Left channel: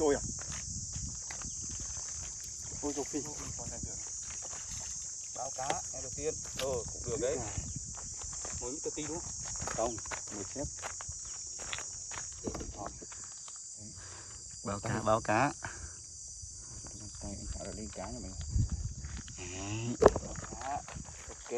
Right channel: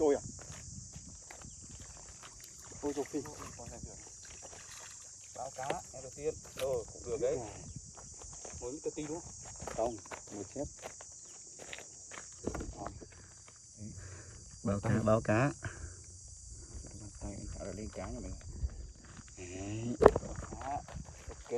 Trôi à? Ôi dồi phi. Báo cá ngày đầu tiên. Cũng được đấy. Mới tơ ti đúng không? Không, người chép. Báo cá, báo cá. Tay anh thả lên cá nhà mình. Đấy. Báo cá. Ok.